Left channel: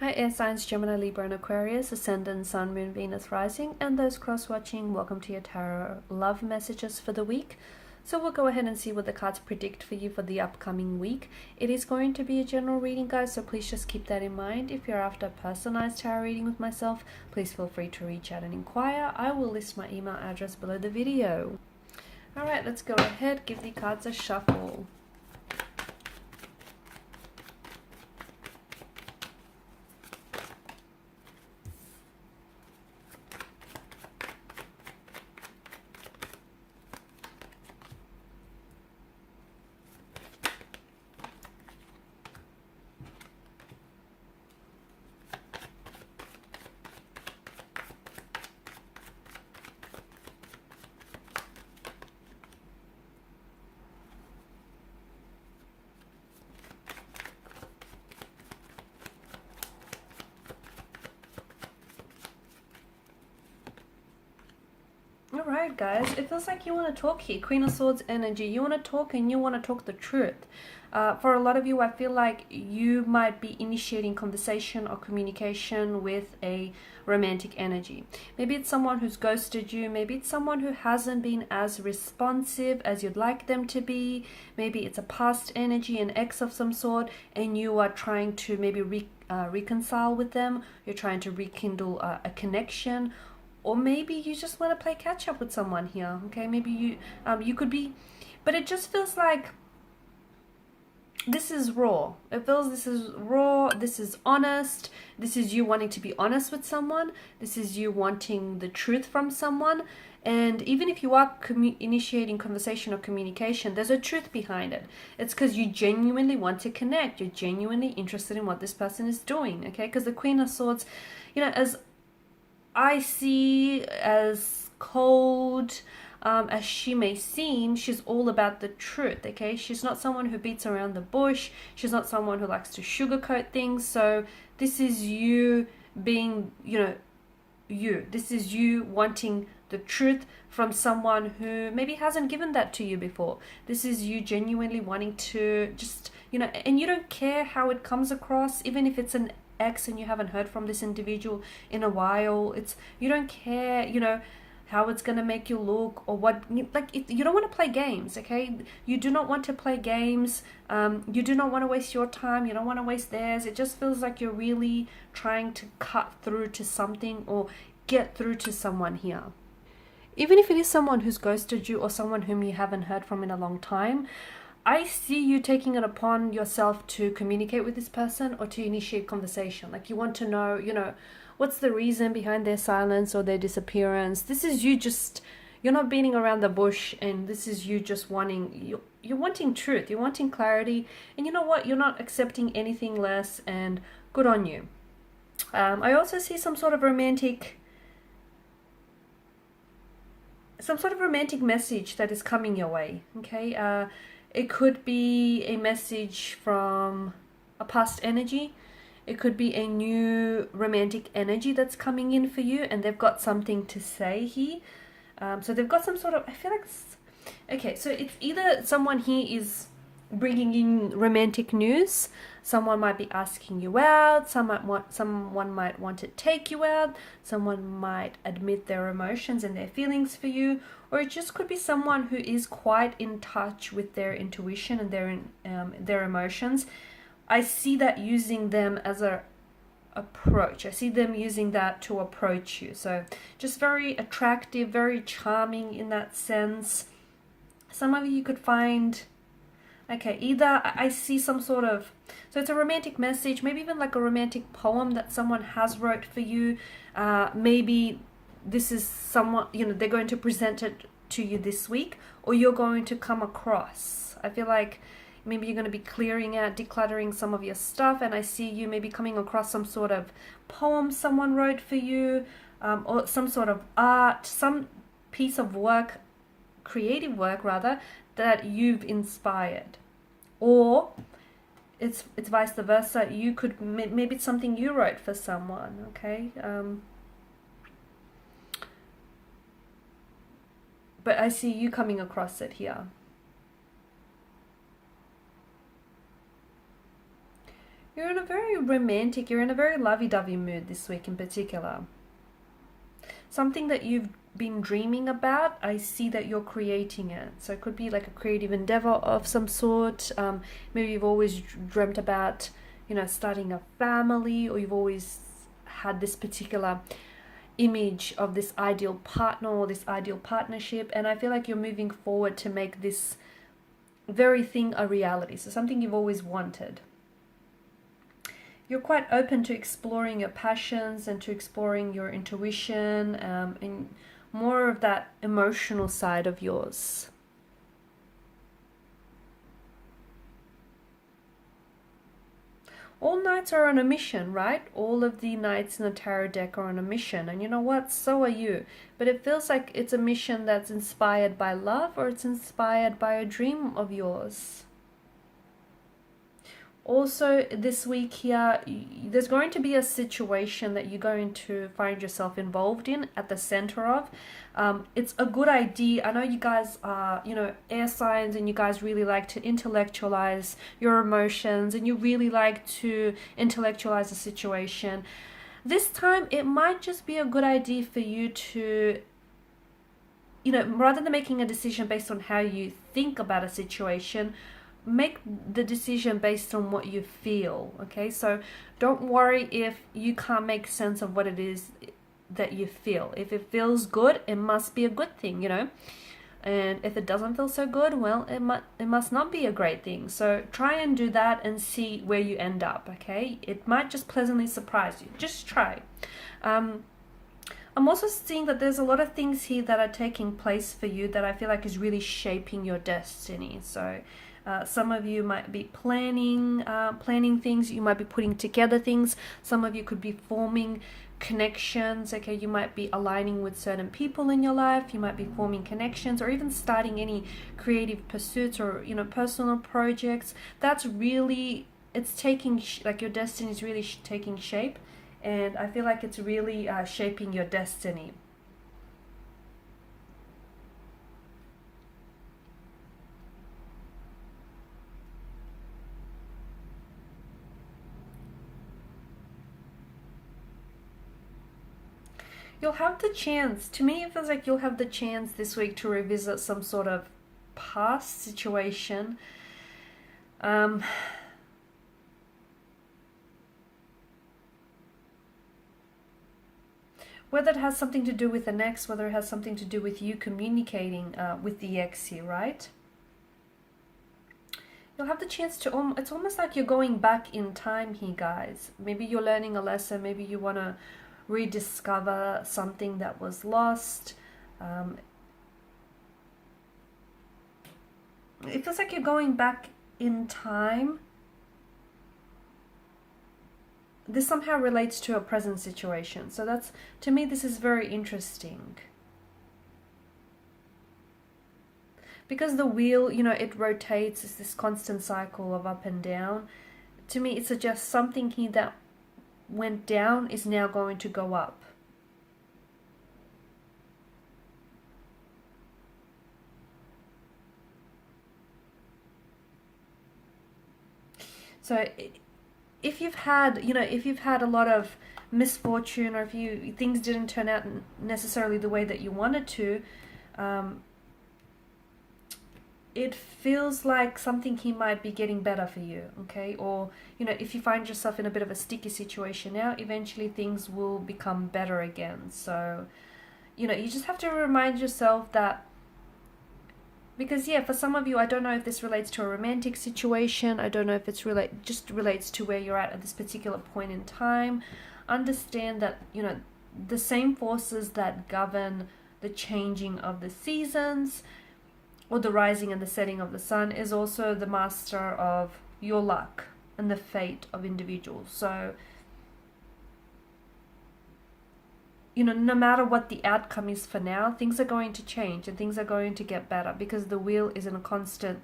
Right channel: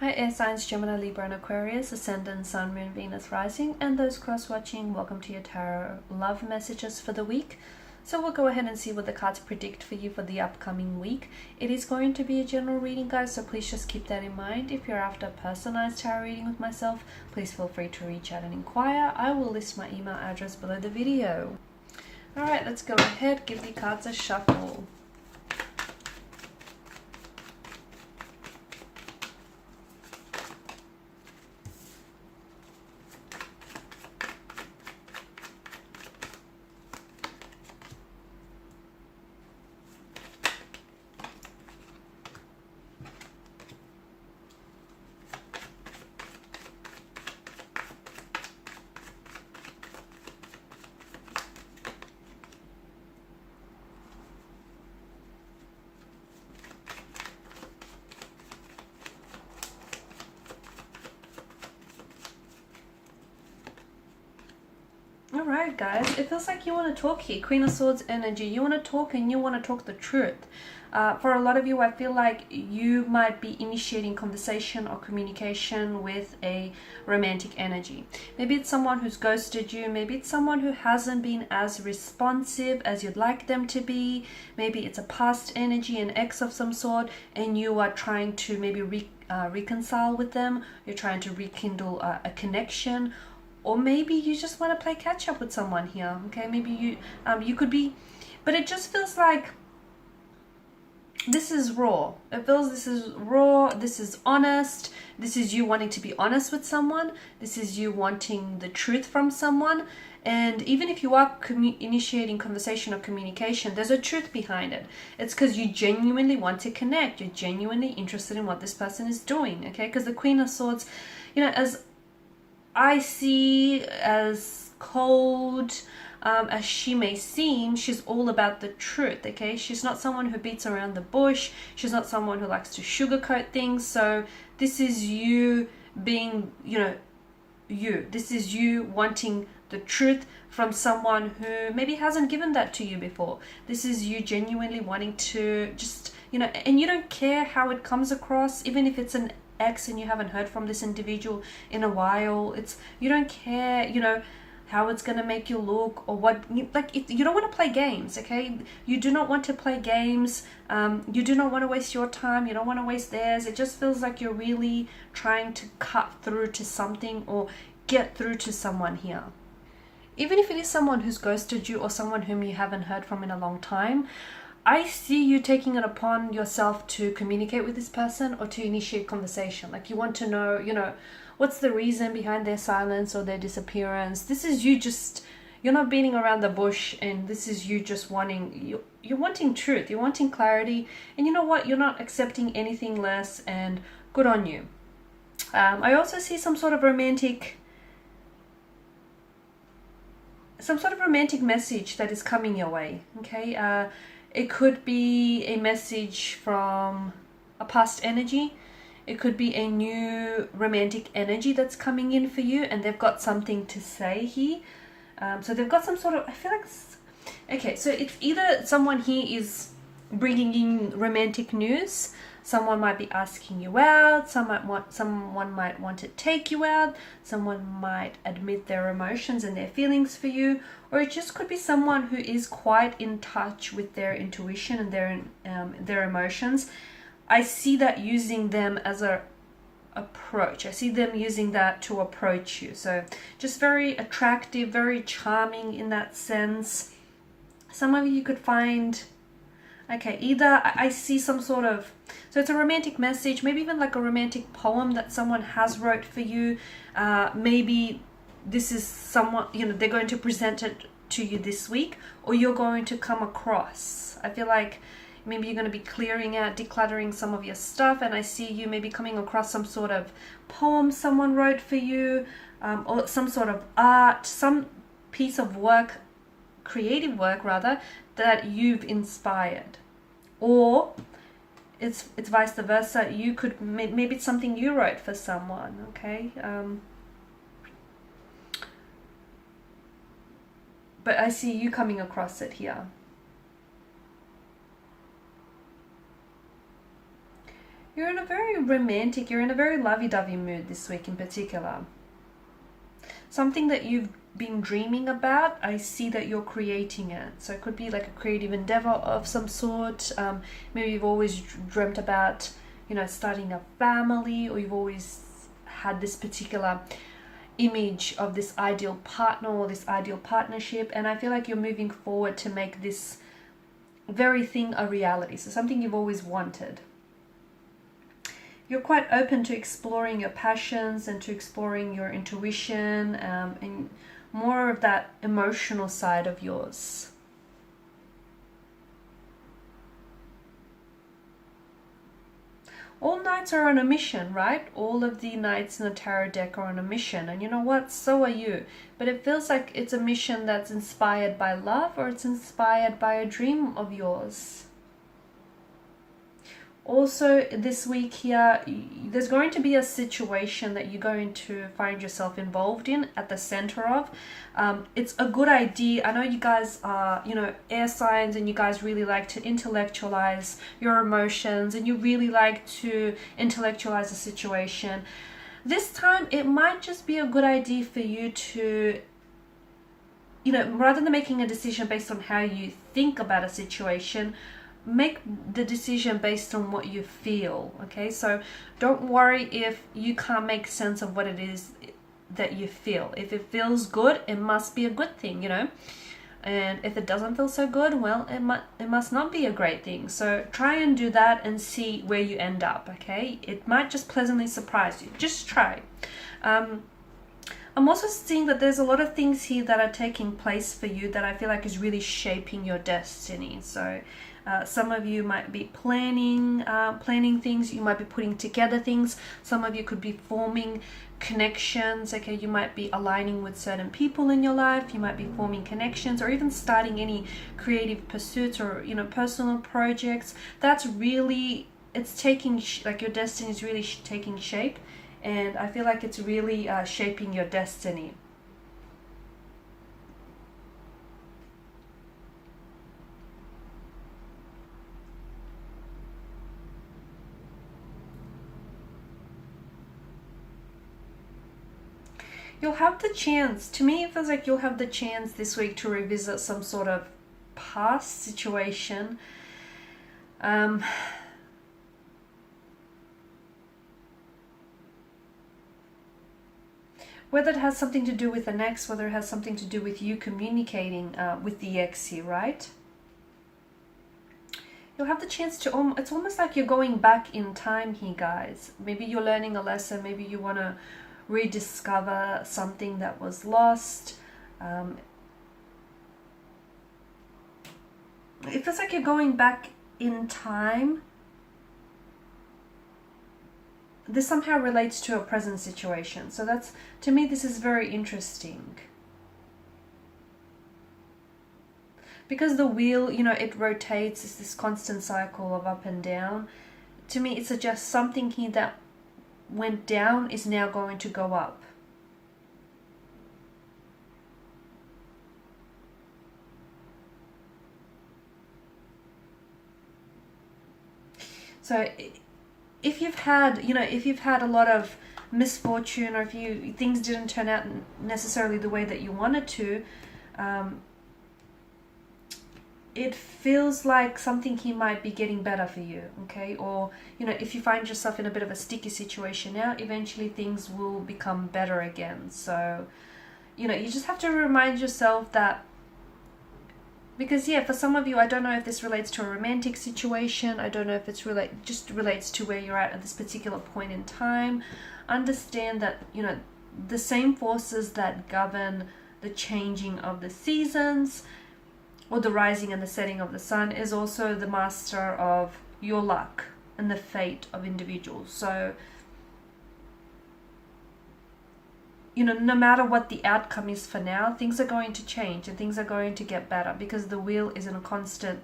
Hi, air signs Gemini, Libra, and Aquarius, Ascendant, Sun, Moon, Venus, Rising, and those cross-watching. Welcome to your tarot love messages for the week. So we'll go ahead and see what the cards predict for you for the upcoming week. It is going to be a general reading, guys, so please just keep that in mind. If you're after a personalized tarot reading with myself, please feel free to reach out and inquire. I will list my email address below the video. All right, let's go ahead, give the cards a shuffle. Alright guys, it feels like you want to talk here. Queen of Swords energy. You want to talk and you want to talk the truth. For a lot of you, I feel like you might be initiating conversation or communication with a romantic energy. Maybe it's someone who's ghosted you. Maybe it's someone who hasn't been as responsive as you'd like them to be. Maybe it's a past energy, an ex of some sort, and you are trying to maybe reconcile with them. You're trying to rekindle a connection. Or maybe you just want to play catch up with someone here. Okay, maybe you could be, but it just feels like this is raw. It feels this is raw. This is honest. This is you wanting to be honest with someone. This is you wanting the truth from someone. And even if you are initiating conversation or communication, there's a truth behind it. It's because you genuinely want to connect. You're genuinely interested in what this person is doing. Okay, because the Queen of Swords, you know, as I see, as cold as she may seem, she's all about the truth, okay? She's not someone who beats around the bush. She's not someone who likes to sugarcoat things. So this is you being, you. This is you wanting the truth from someone who maybe hasn't given that to you before. This is you genuinely wanting to just, and you don't care how it comes across, even if it's an ex and you haven't heard from this individual in a while. You don't care, how it's gonna make you look or what. You don't want to play games, okay? You do not want to play games. You do not want to waste your time. You don't want to waste theirs. It just feels like you're really trying to cut through to something or get through to someone here. Even if it is someone who's ghosted you or someone whom you haven't heard from in a long time, I see you taking it upon yourself to communicate with this person or to initiate conversation. Like you want to know, what's the reason behind their silence or their disappearance. This is you you're not beating around the bush, and this is you just you're wanting truth, you're wanting clarity, and you know what? You're not accepting anything less, and good on you. I also see some sort of romantic message that is coming your way, okay? It could be a message from a past energy. It could be a new romantic energy that's coming in for you, and they've got something to say here. So they've got some sort of, I feel like, okay, so it's either someone here is bringing in romantic news. Someone might be asking you out. Someone might want to take you out. Someone might admit their emotions and their feelings for you. Or it just could be someone who is quite in touch with their intuition and their emotions. I see that using them as a approach. I see them using that to approach you. So just very attractive, very charming in that sense. Some of you could find, okay, either I see some sort of, so it's a romantic message, maybe even like a romantic poem that someone has wrote for you. Maybe this is someone, they're going to present it to you this week, or you're going to come across. I feel like maybe you're going to be clearing out, decluttering some of your stuff, and I see you maybe coming across some sort of poem someone wrote for you, or some sort of art, some piece of work, creative work rather, that you've inspired. Or it's vice versa. You could, maybe it's something you wrote for someone, okay? But I see you coming across it here. You're in a very romantic, you're in a very lovey-dovey mood this week in particular. Something that you've been dreaming about, I see that you're creating it. So it could be like a creative endeavor of some sort. Maybe you've always dreamt about, starting a family, or you've always had this particular image of this ideal partner or this ideal partnership. And I feel like you're moving forward to make this very thing a reality. So something you've always wanted. You're quite open to exploring your passions and to exploring your intuition, and more of that emotional side of yours. All knights are on a mission, right? All of the knights in the tarot deck are on a mission, and you know what? So are you. But it feels like it's a mission that's inspired by love, or it's inspired by a dream of yours. Also, this week here, there's going to be a situation that you're going to find yourself involved in, at the center of. It's a good idea. I know you guys are, air signs, and you guys really like to intellectualize your emotions, and you really like to intellectualize a situation. This time, it might just be a good idea for you to, rather than making a decision based on how you think about a situation, make the decision based on what you feel. Okay, so don't worry if you can't make sense of what it is that you feel. If it feels good, it must be a good thing, and if it doesn't feel so good, well, it must not be a great thing. So try and do that and see where you end up. Okay, it might just pleasantly surprise you. Just try. I'm also seeing that there's a lot of things here that are taking place for you that I feel like is really shaping your destiny. So some of you might be planning things. You might be putting together things. Some of you could be forming connections. Okay, you might be aligning with certain people in your life. You might be forming connections, or even starting any creative pursuits, or personal projects. That's really, it's taking like your destiny is really taking shape, and I feel like it's really shaping your destiny. You'll have the chance, to me it feels like you'll have the chance this week to revisit some sort of past situation. Whether it has something to do with an ex, whether it has something to do with you communicating with the ex here, right? You'll have the chance to, it's almost like you're going back in time here, guys. Maybe you're learning a lesson, maybe you want to rediscover something that was lost. It feels like you're going back in time. This somehow relates to a present situation. So that's, to me, this is very interesting. Because the wheel, it rotates, it's this constant cycle of up and down. To me, it suggests something here that went down is now going to go up. So if you've had, a lot of misfortune, or if things didn't turn out necessarily the way that you wanted to, it feels like something here might be getting better for you, okay? Or, if you find yourself in a bit of a sticky situation now, eventually things will become better again. So, you just have to remind yourself that, because for some of you, I don't know if this relates to a romantic situation. I don't know if it's just relates to where you're at this particular point in time. Understand that, the same forces that govern the changing of the seasons, or the rising and the setting of the sun, is also the master of your luck and the fate of individuals. So, no matter what the outcome is for now, things are going to change and things are going to get better, because the wheel is in a constant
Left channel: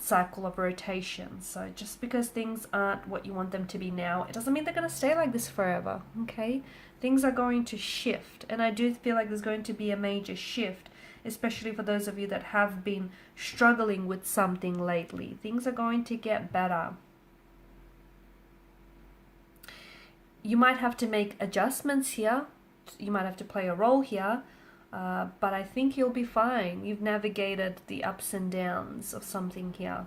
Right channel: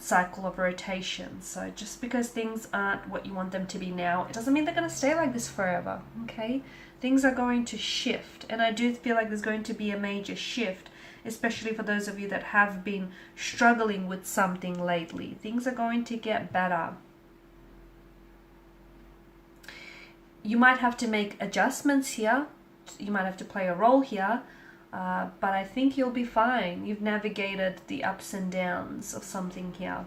cycle of rotation. So just because things aren't what you want them to be now, it doesn't mean they're going to stay like this forever, okay? Things are going to shift, and I do feel like there's going to be a major shift, especially for those of you that have been struggling with something lately. Things are going to get better. You might have to make adjustments here. You might have to play a role here. But I think you'll be fine. You've navigated the ups and downs of something here.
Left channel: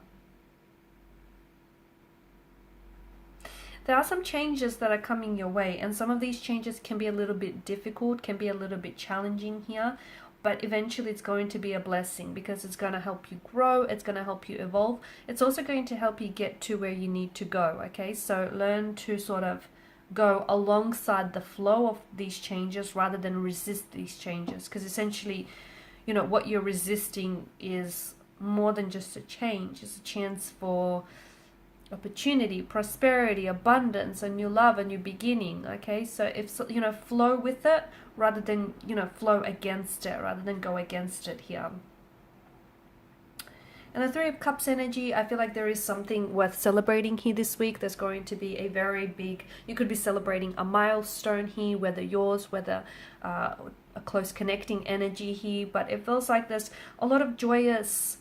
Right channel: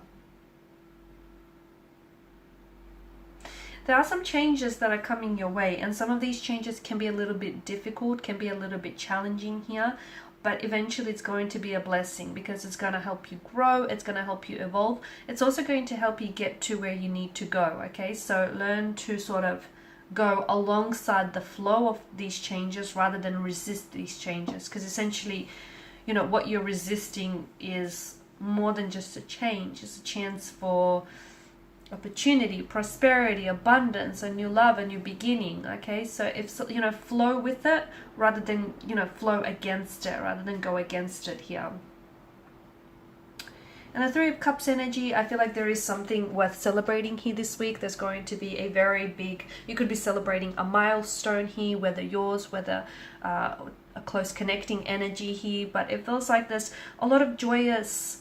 There are some changes that are coming your way, and some of these changes can be a little bit difficult, can be a little bit challenging here, but eventually it's going to be a blessing because it's going to help you grow, it's going to help you evolve. It's also going to help you get to where you need to go, okay? So learn to sort of go alongside the flow of these changes rather than resist these changes, because essentially, you know, what you're resisting is more than just a change. It's a chance for opportunity, prosperity, abundance, a new love, a new beginning, okay? So if, you know, flow with it rather than, you know, flow against it, rather than go against it here. And the Three of Cups energy, I feel like there is something worth celebrating here this week. There's going to be a very big, you could be celebrating a milestone here, whether yours, whether a close connecting energy here, but it feels like there's a lot of joyous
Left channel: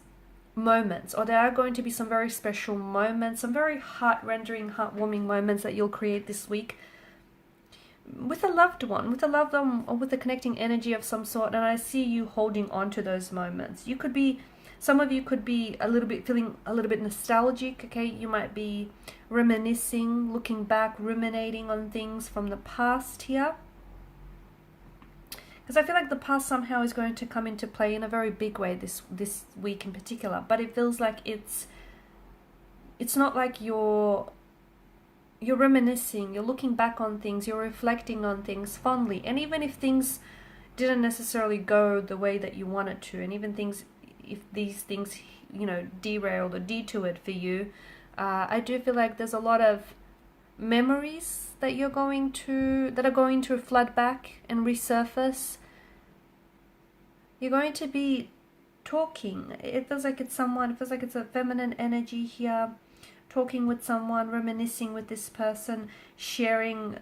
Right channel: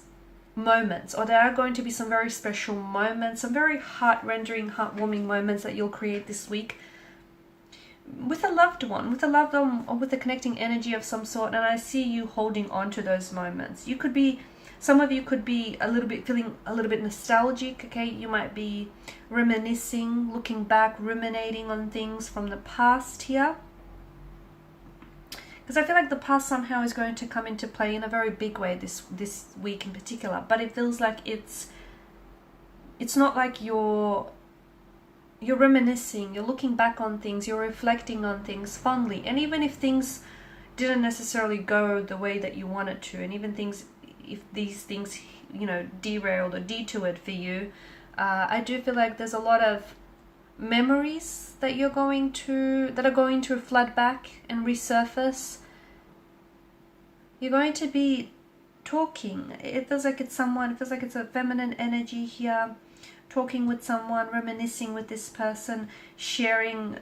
moments, or there are going to be some very special moments, some very heart-rendering, heartwarming moments that you'll create this week with a loved one, or with a connecting energy of some sort. And I see you holding on to those moments. You could be, some of you could be a little bit feeling a little bit nostalgic, okay? You might be reminiscing, looking back, ruminating on things from the past here. Because I feel like the past somehow is going to come into play in a very big way this week in particular. But it feels like it's not like you're reminiscing, you're looking back on things, you're reflecting on things fondly. And even if things didn't necessarily go the way that you wanted to, and even if these things, you know, derailed or detoured for you, I do feel like there's a lot of memories that are going to flood back and resurface. You're going to be talking. It feels like it's a feminine energy here, talking with someone, reminiscing with this person, sharing,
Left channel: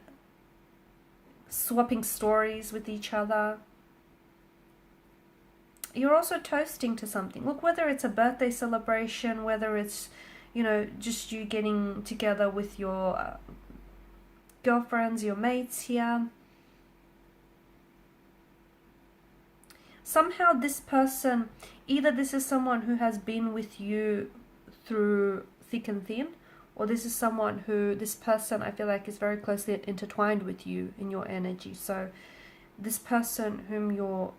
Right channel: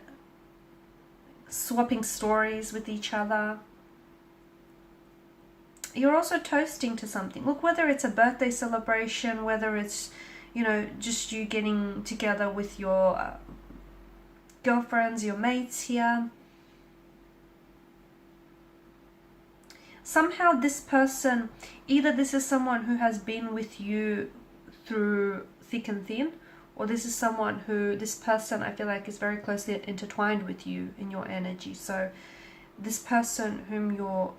swapping stories with each other. You're also toasting to something. Look, whether it's a birthday celebration, whether it's, you know, just you getting together with your girlfriends, your mates here. Somehow this person, either this is someone who has been with you through thick and thin, or this person I feel like is very closely intertwined with you in your energy. So this person whom you're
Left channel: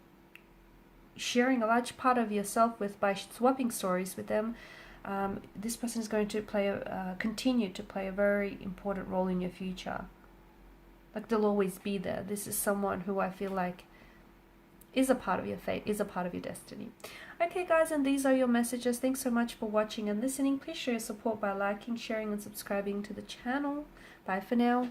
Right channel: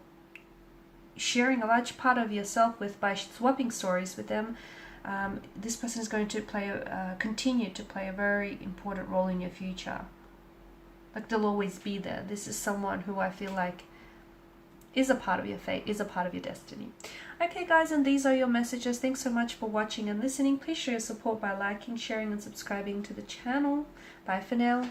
sharing a large part of yourself with by swapping stories with them, this person is going to continue to play a very important role in your future. Like, they'll always be there. This is someone who I feel like is a part of your fate, is a part of your destiny. Okay, guys, and these are your messages. Thanks so much for watching and listening. Please show your support by liking, sharing, and subscribing to the channel. Bye for now.